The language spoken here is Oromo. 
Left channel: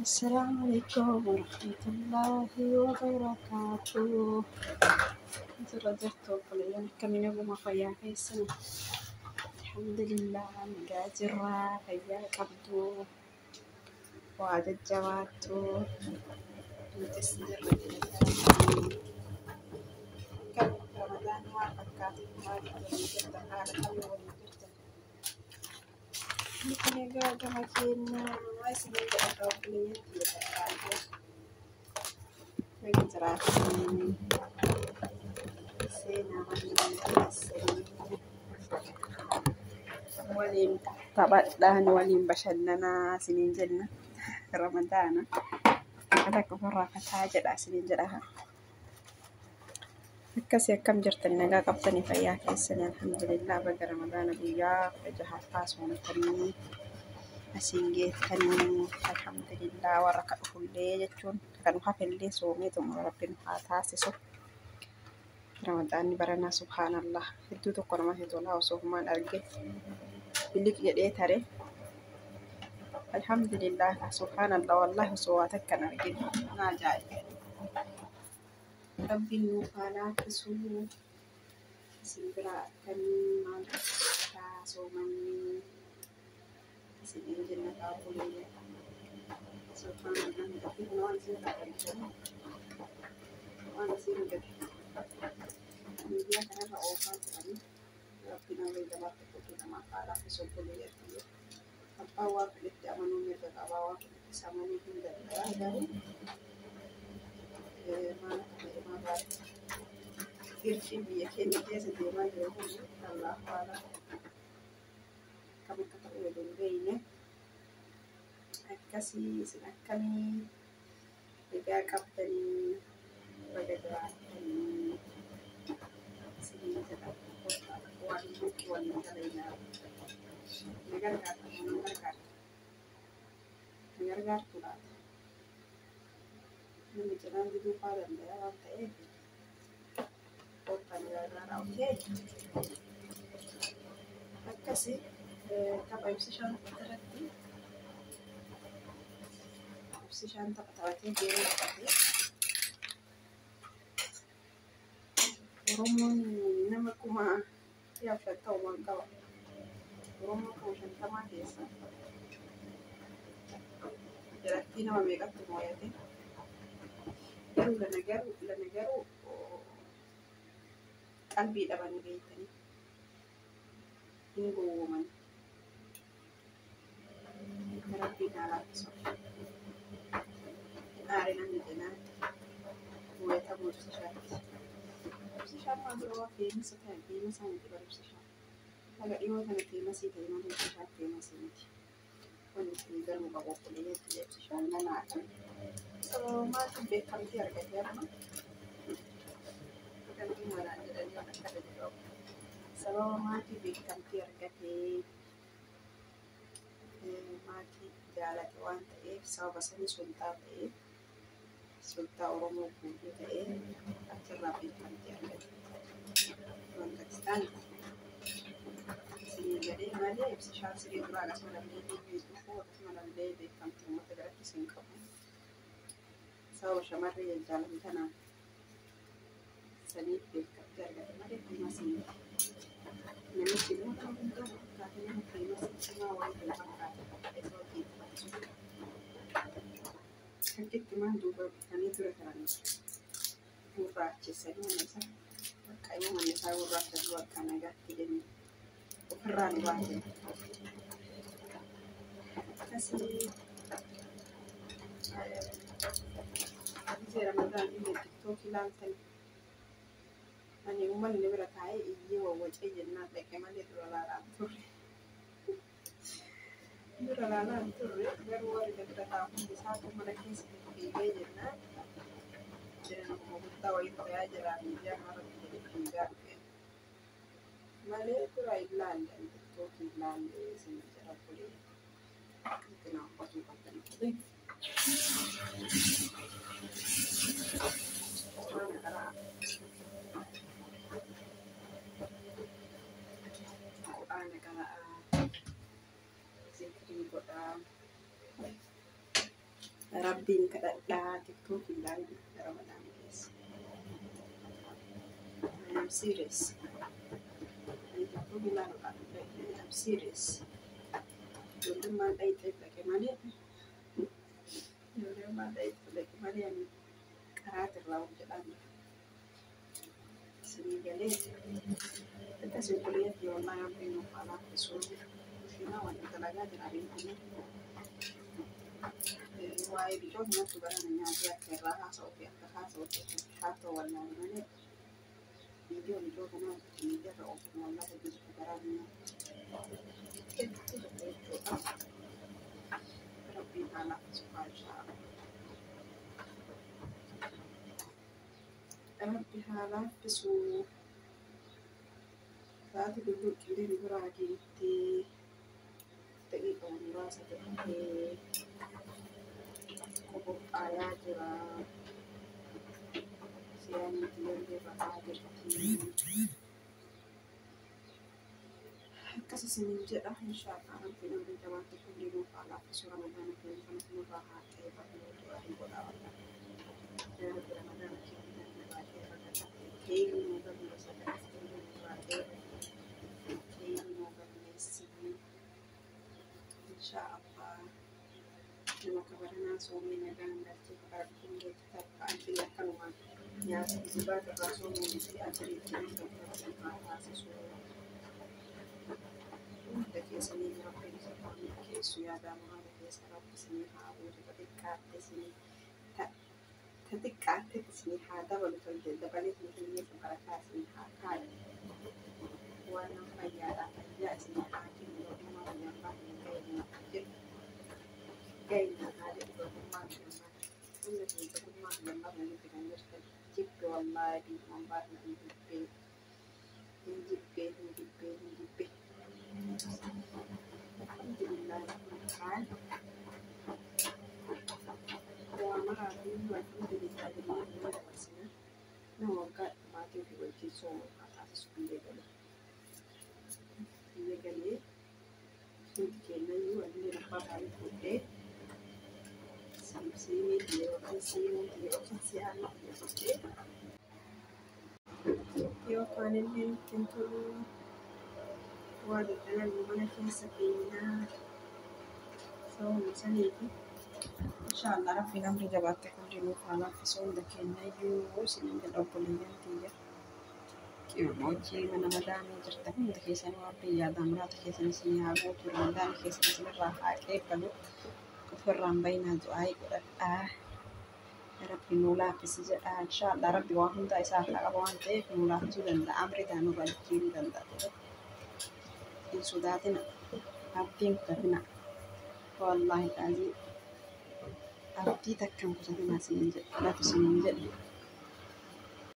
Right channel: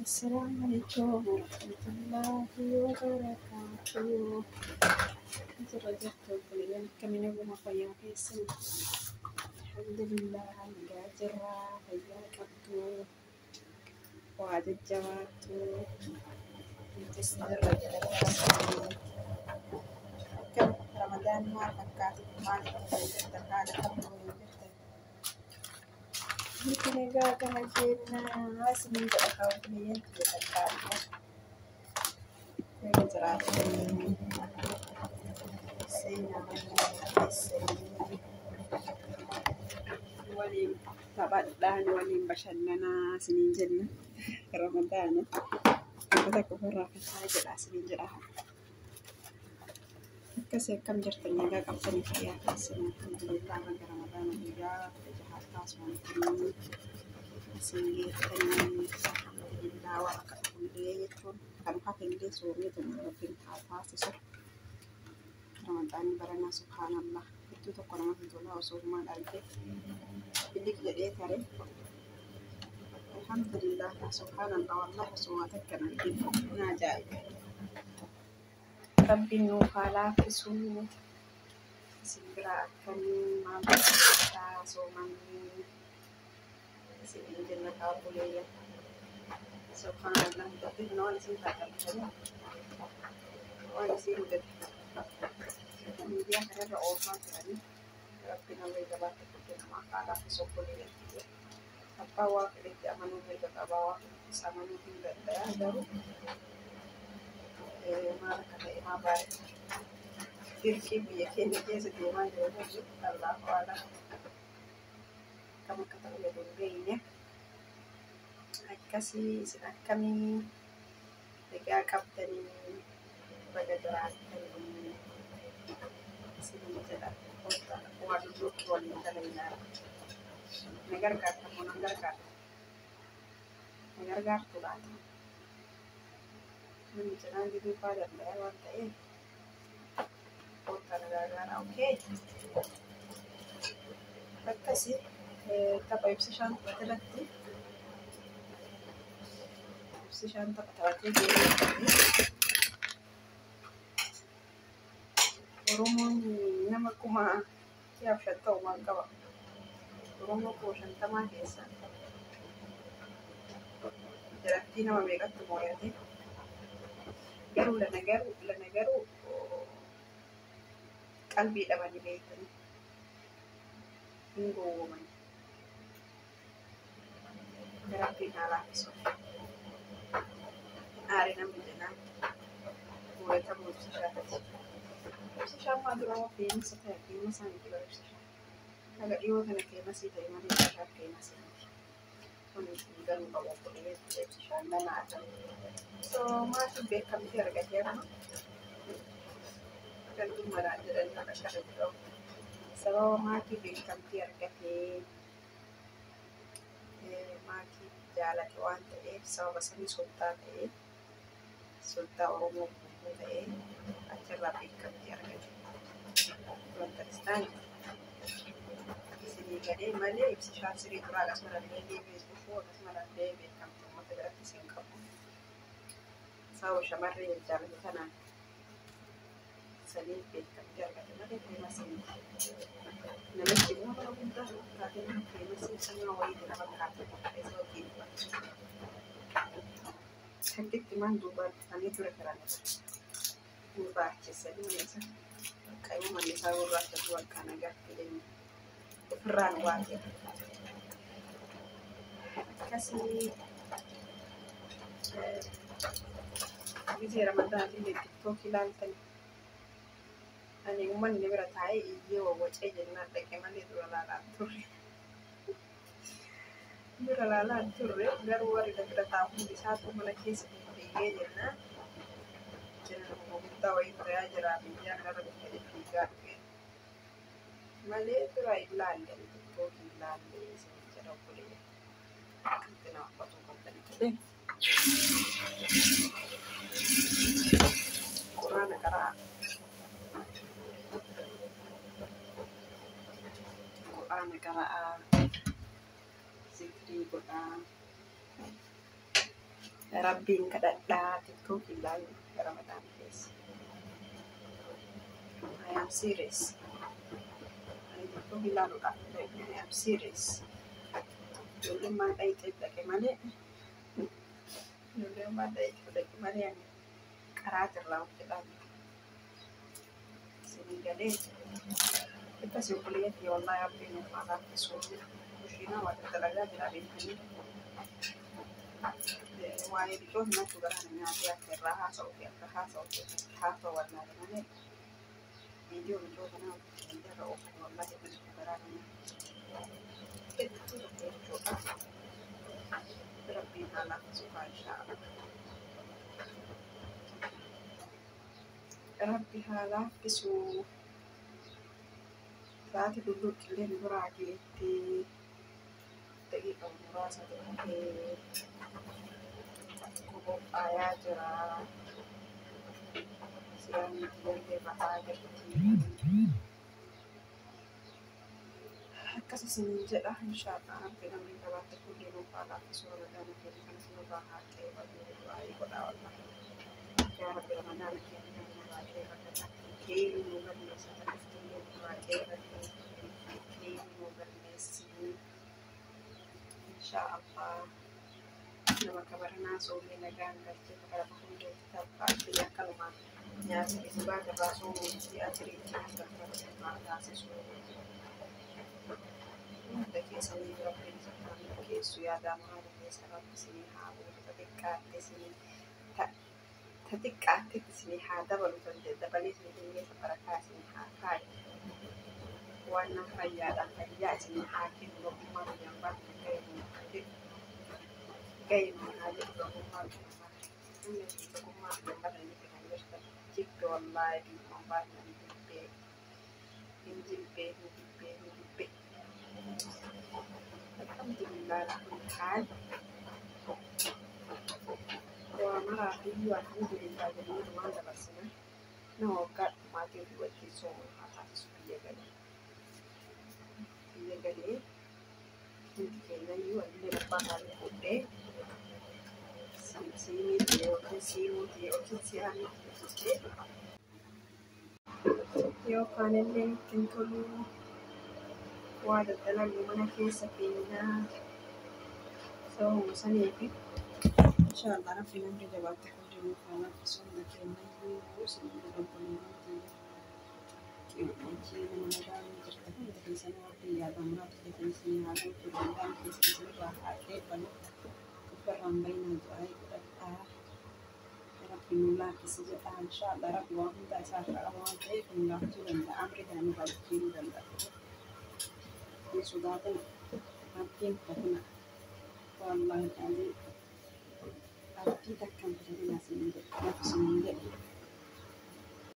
السلام عليكم ورحمة الله وبركاته. رجعت وقليلا كمين أبو مقيا في السنة. الحمد لله مقاجرة فيا كبدو وعد الجواتو متسجر رجل كم رمضان ما فكات ما جبت الحالة كم وجبت يمكن قاعدة مجينا اسمي بقى قليلا في الحالة نقدر سينا ولين طبعا ولين بشلنا سنين جنة رمضان كتك فرا كتاجر سنين جراها كسي كم جرت النجا قبتني فيا كيسنا الحمد لله بقى رمضان بيا فجحت فاس ومتني أسينجي تني الحمد لله ورقة كل يجون كانوا حفل لي سومي ثم ربنا فاتاسسو رمضان برنا سبحان الله هدو تقرما هدولا وسوهما الأرجع بلك يدي تري الحمد لله سبحان الله والله صواتك كان أرجع ناجاي ربي نوكالا كسو سنبرا كني ما بتا سومني سنين جنة كابولية سبحان الله دفن نوال سنتا كني وأنا سنجد dia karena orang kan pinawai dapat kita makala kesopolian dia apa waktu dia menumir ke bawah sama mungkin benda baru mana kata imabar firki biya kene dia sediama dia hujud Allah wala kami kata ya dongengnya kasih sinak kami tiga kapten bagaimana waduh wanita lainnya negar tuh lah menjelang di pada lewat kota negara oke apa sih tapi opsisan terlatih opsisan terlatih Oromoon nama kuma yaa shatta waan qaba. Oromoo koo shantamaa keessa jalattii nama meeqatti moo'ate garuu lana garuu qalbii dhabanii beektanii hin gowwooman rabbiin haa laaffisu aare namni jenaan moo'ata moo'isa shaatati. Siapa dulu famous sekali, famous sangat juga siapa. Agak iwa kan famous itu yang mana siapa famous ini. Untuk dan bawa kuliah dia siapa mana ada. So masih bekam tiar gaya kan. Kan tu marah aja dan ada kata itu. So masih bekam tiar gaya. Masih jalan tuan so bahasa ni sultan sultan Oromoo buku acara bekam tiar gaya. Pakistan sini gade malee ibsa shaasiri dura akkasumallee deebi'ee dhufu akkasumallee beekamtummoota biratti isin qabu sababa shamarree jaalatu tanaan sanii beekamtii argate malee feemasiin namichi immoo bara guddaa taatee nama feemasii cimaa wayii lafa kaatee qopheessa hojii hanqitti maan duuba dhufanii ture karanidha duuba acheessanii neessa kayu manusia urut sesuatu karena gak pilih peran wajib kasih bisa Ramadan ini TikTok hilalkan ani umman ini beratai iyo wajah jenah lekeman itu lalalan turre garuar itu bertahun di satu melaki seperti jenah jangan mau tahu itu ya jarang dia karena tiga malee tura ilaalle TikTok ilaalle isin jara kulee kana qotu qabdan kulee Qur'aana qaraa zikrii godhaa Rabbiin kadhadhaa TikTok ilaalu Ramadan keessa. I am serious. Ani TikTok ilaaluudhaaf I am serious. Ijoolleen dhayixee dhaqe malee ijoolleen dhayixee dhaqe malee ani qaraatirraa hojjedhaan isinii galee akkasii obboleetti wallahi Rabbiin nuuf haa laaffisu. Kushiinaa waliin dalagaa jira beekanii. Waa'ee biqiltuu natti garaan nyaatee akka irraa haasa'u wallaahi malee viidiyoo biqiltuu kanaa miidiyaarra oofu wallaahi biqiltuu garaan hedduu tokko jechuudha. Rabbiin haa laaffisu inshaallah. Rabbi haa laaffisu. Sa'aatii dulluuqqillee nu biraa geetti daqiiqa muraasa ta'ee qophaa'aa jira. Siyaasni ijoollee ba'aa jirti. Akkas isiniin jedha inshaallah. Rabbi namni gabaatti kullee nuuf haa laaffisu. Ramadaan keenya kanas nurraa haa qeebalu du'aayi godhaa wallahi. Yaa Rabbi Ramadaan keenya nurraa qeebata. Keenya nu galmeessa taasifamu nurraa qeebata. Keenya nu galmeessinu inshaallah. Nama kabaranaa soomee nagaan galchee kakara hundeetti taphaatti akkanumaan nyaata kisibaat irraa soomuu fi ajiriitti nama haa taasisu. Hunda keessanii Rabbiin isa keessu yaadaan haala keessa Rabbi isinii haa buusu xiqqaatti isinii haa dabalu dabalee isinii hiyyeessa barakaa isinii haa kaayu. Waan nama fayyaadhaan fayyaa isinii haa kennu ogummaa guyyaan baafne ga'eema haa jedhu ogummaa guyyaan baafne. Inni fi ogummaa guyyaan baafne nuti kan jirtan jibbe wallaahi biyyaan baafne hin jibbee. Alhamdulillah kulli haal. Waa maraa fi alhamdulillah jennee dhumaan dabarsina. Nama waggaa dhumaatii ofii wajjin soomuu haa taasisu biyya galee hundi keenya iyyuu illee abbaa isaanii fuudhee siimiitti yookiin siyaaniitti fuudhee yookaan illee ittiin toluu waa daddalagu mana keessa keenyaa sababuma saniifi inshaallah Rabbiin amri jabaatte kulli nuuf haa laaffisu. Hunda keenya iyyuu isiniin jedha obboleeyyan kiyya. Qimoojii mana madaanii jirtan hundi keessan Rabbiin yaadaan muraata keessan isinii haa guutu. Ramadaan keessan isinirraa haa qeebbalu. Ofirraan bayinaa du'aayi godhadhaa. Rabbi nuu laaffisi jedha inshaallah. Rabbi waan hundaa isaa akka qaba waan ta'eef nuu laaffisuu danda'a. Amri gaa nu balchiisuu danda'a. Hin sodaatina. Abdiin kutatina. Wallahi qaazii abdii takkaan kutatina isiniin jedha. Laaf isiniin jedhu.